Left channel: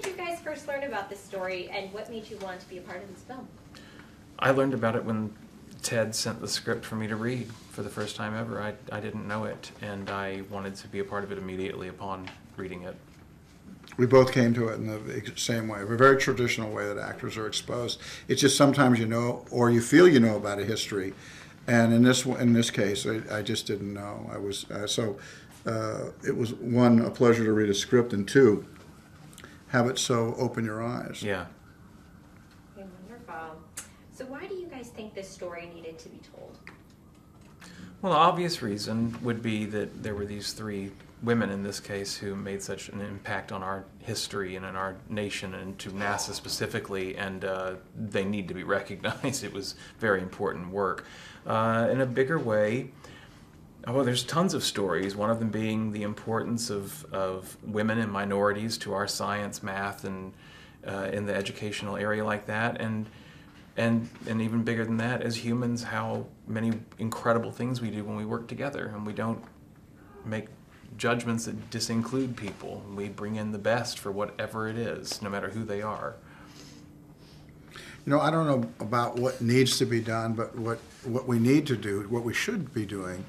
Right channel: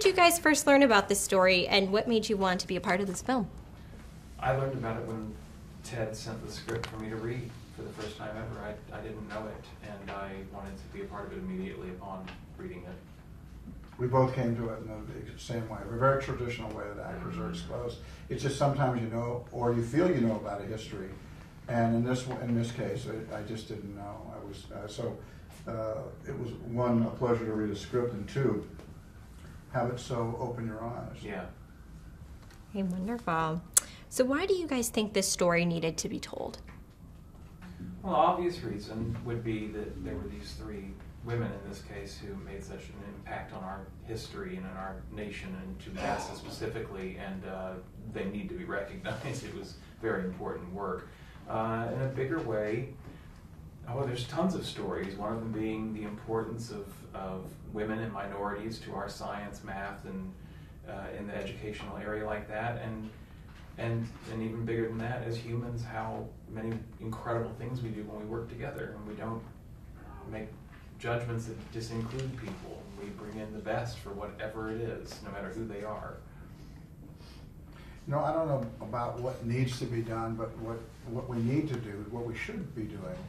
did you guys first learn about this story, and what made you want to be a part of this film? I learned about it when Ted sent the script for me to read for the first time ever. I didn't know it, and I wanted to be a part of it immediately upon reading it. We both came to it in the same way, a very traditional way that actors are exposed. It's just sometimes you know, or you feel you know about a history, and in this case, I just didn't know. I was it was one, a pleasure to read a script, and two, have it so open your eyes. Yeah. Hey, wonderful. So why do you guys think this story needed to be told? Well, the obvious reason would be that there were these three women in this case who made such an impact on our history and in our nation and to NASA specifically, and they need to be recognized. It was very important work. In a bigger way, there's tons of stories, one of them being the importance of women and minorities to our science, math, and in the educational area like that, and even bigger than that, as humans, how many incredible things we do when we work together, and we don't make judgments that disinclude people. We bring in the best for whatever it is, no matter who they are. You know, I don't know about what needs to be done, but what we need to do, what we should be doing,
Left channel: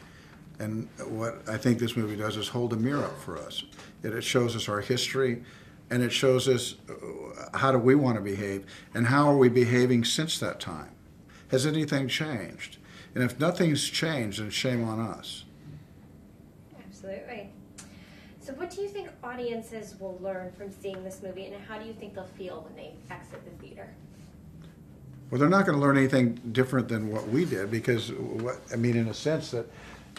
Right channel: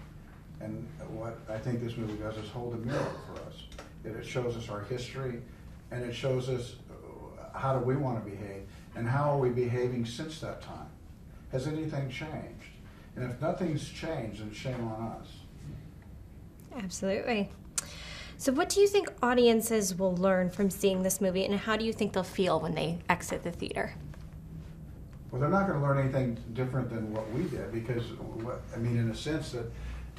and what I think this movie does is hold a mirror up for us. It shows us our history, and it shows us how do we want to behave, and how are we behaving since that time? Has anything changed? And if nothing's changed, then shame on us. Absolutely. So what do you think audiences will learn from seeing this movie, and how do you think they'll feel when they exit the theater? Well, they're not going to learn anything different than what we did, because, in a sense that,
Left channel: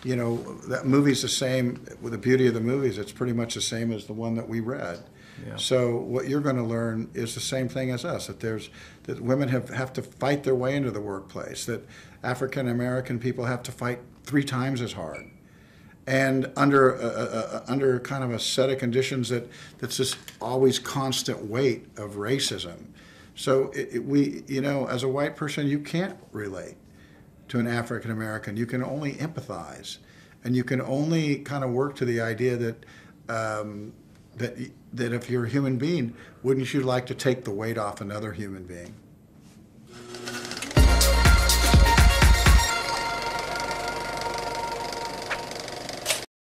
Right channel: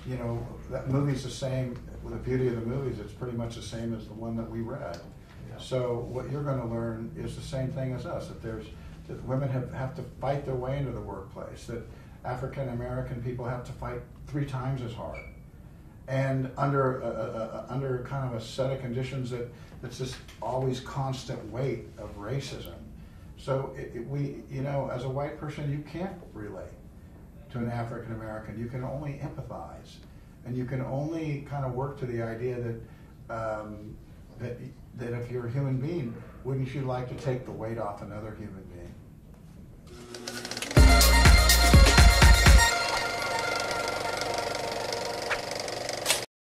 you know, that movie's the same, with the beauty of the movies, it's pretty much the same as the one that we read. Yeah. So what you're going to learn is the same thing as us, that women have to fight their way into the workplace, that African American people have to fight 3 times as hard, and under kind of a set of conditions that's just always constant weight of racism. So we, you know, as a white person, you can't relate to an African American. You can only empathize, and you can only kind of work to the idea that if you're a human being, wouldn't you like to take the weight off another human being?